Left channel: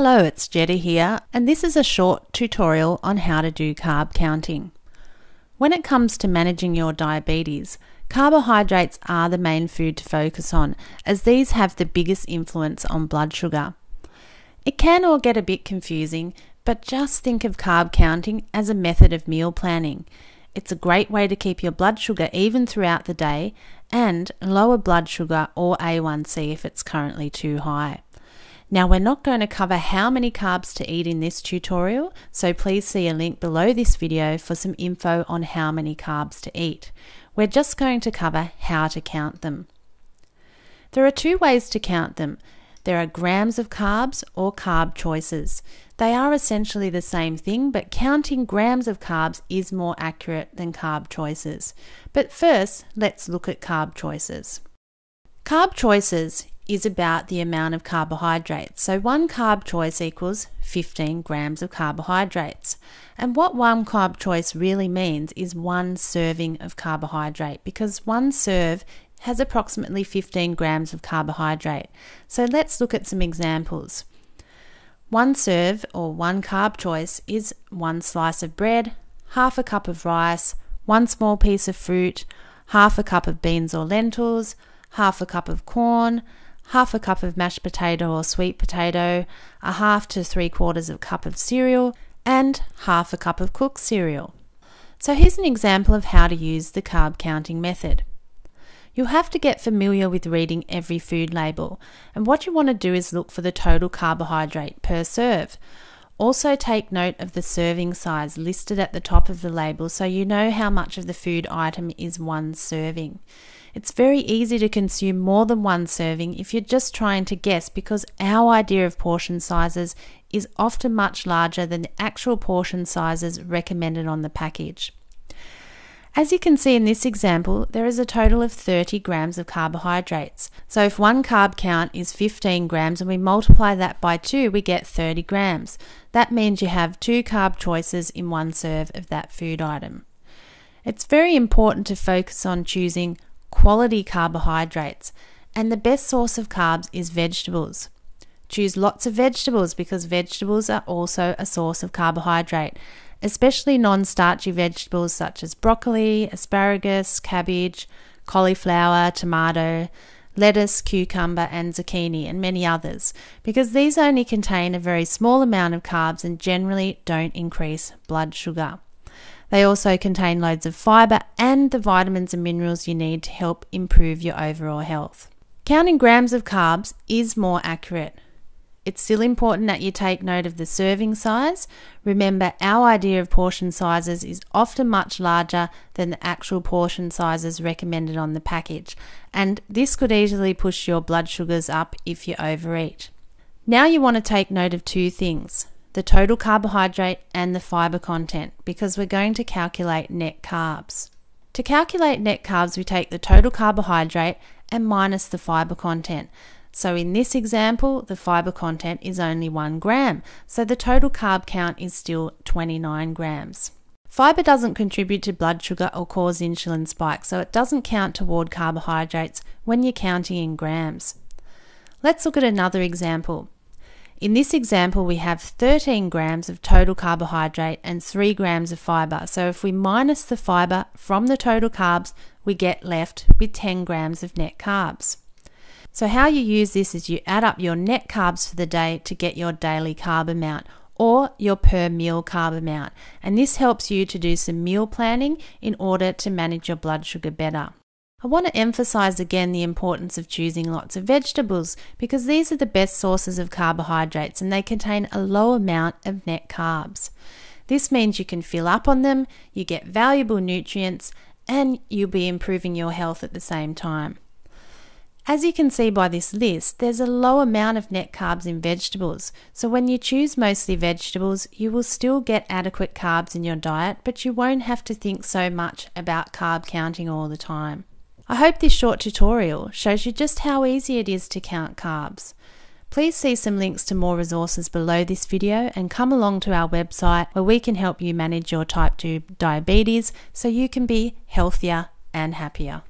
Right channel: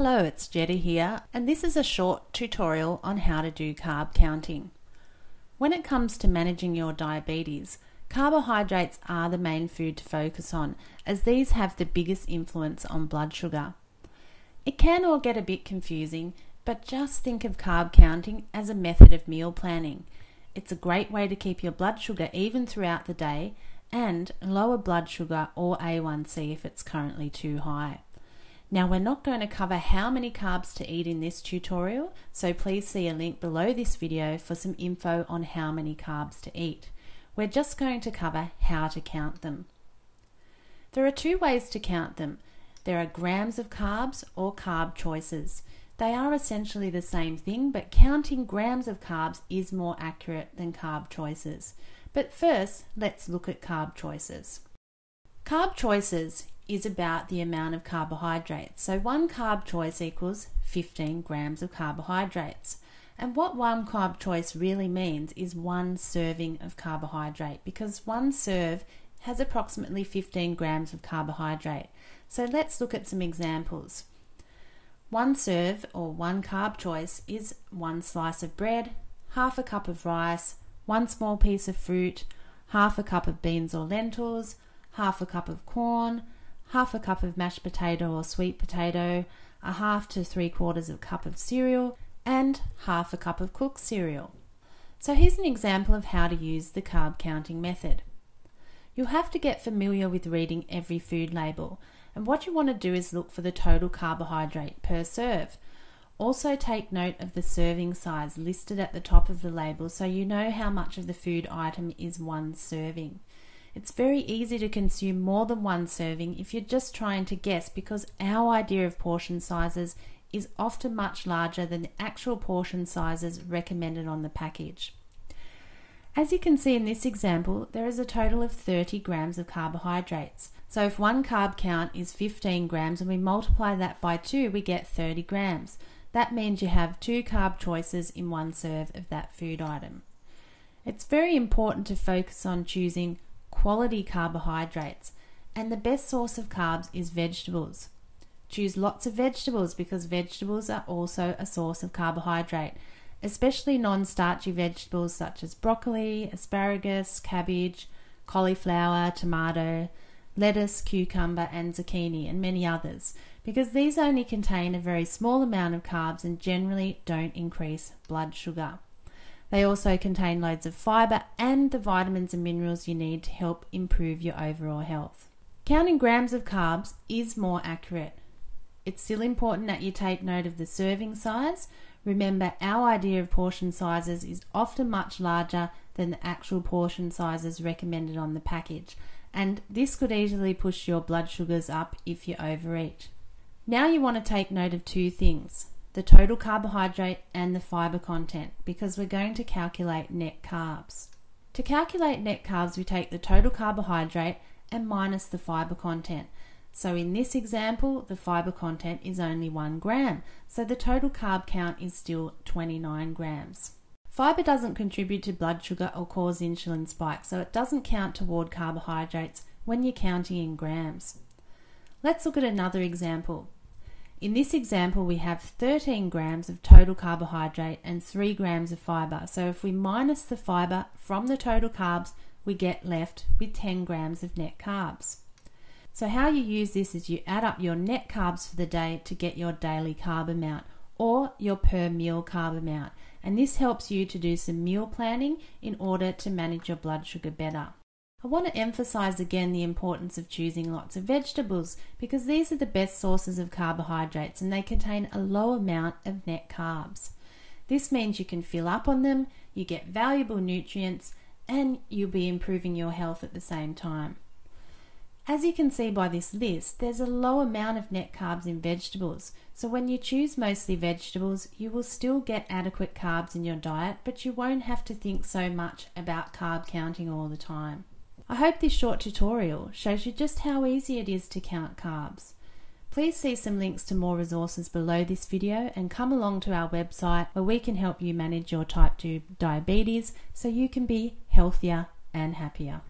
Hello, it's Jetta here, and this is a short tutorial on how to do carb counting. When it comes to managing your diabetes, carbohydrates are the main food to focus on, as these have the biggest influence on blood sugar. It can all get a bit confusing, but just think of carb counting as a method of meal planning. It's a great way to keep your blood sugar even throughout the day and lower blood sugar or A1C if it's currently too high. Now, we're not going to cover how many carbs to eat in this tutorial, so please see a link below this video for some info on how many carbs to eat. We're just going to cover how to count them. There are two ways to count them. There are grams of carbs or carb choices. They are essentially the same thing, but counting grams of carbs is more accurate than carb choices. But first, let's look at carb choices. Carb choices is about the amount of carbohydrates. So one carb choice equals 15 grams of carbohydrates. And what one carb choice really means is one serving of carbohydrate, because one serve has approximately 15 grams of carbohydrate. So let's look at some examples. One serve or one carb choice is one slice of bread, half a cup of rice, one small piece of fruit, half a cup of beans or lentils, half a cup of corn, half a cup of mashed potato or sweet potato, a half to 3/4 of a cup of cereal, and half a cup of cooked cereal. So here's an example of how to use the carb counting method. You'll have to get familiar with reading every food label, and what you want to do is look for the total carbohydrate per serve. Also take note of the serving size listed at the top of the label so you know how much of the food item is one serving. It's very easy to consume more than one serving if you're just trying to guess, because our idea of portion sizes is often much larger than the actual portion sizes recommended on the package. As you can see in this example, there is a total of 30 grams of carbohydrates. So if one carb count is 15 grams and we multiply that by 2, we get 30 grams. That means you have 2 carb choices in one serve of that food item. It's very important to focus on choosing quality carbohydrates, and the best source of carbs is vegetables. Choose lots of vegetables because vegetables are also a source of carbohydrate, especially non-starchy vegetables such as broccoli, asparagus, cabbage, cauliflower, tomato, lettuce, cucumber and zucchini, and many others, because these only contain a very small amount of carbs and generally don't increase blood sugar. They also contain loads of fiber and the vitamins and minerals you need to help improve your overall health. Counting grams of carbs is more accurate. It's still important that you take note of the serving size. Remember, our idea of portion sizes is often much larger than the actual portion sizes recommended on the package, and this could easily push your blood sugars up if you overeat. Now you want to take note of two things: the total carbohydrate and the fiber content, because we're going to calculate net carbs. To calculate net carbs, we take the total carbohydrate and minus the fiber content. So in this example, the fiber content is only 1 gram, so the total carb count is still 29 grams. Fiber doesn't contribute to blood sugar or cause insulin spikes, so it doesn't count toward carbohydrates when you're counting in grams. Let's look at another example. In this example, we have 13 grams of total carbohydrate and 3 grams of fiber. So if we minus the fiber from the total carbs, we get left with 10 grams of net carbs. So how you use this is you add up your net carbs for the day to get your daily carb amount or your per meal carb amount. And this helps you to do some meal planning in order to manage your blood sugar better. I want to emphasize again the importance of choosing lots of vegetables, because these are the best sources of carbohydrates and they contain a low amount of net carbs. This means you can fill up on them, you get valuable nutrients, and you'll be improving your health at the same time. As you can see by this list, there's a low amount of net carbs in vegetables. So when you choose mostly vegetables, you will still get adequate carbs in your diet, but you won't have to think so much about carb counting all the time. I hope this short tutorial shows you just how easy it is to count carbs. Please see some links to more resources below this video and come along to our website where we can help you manage your type 2 diabetes so you can be healthier and happier.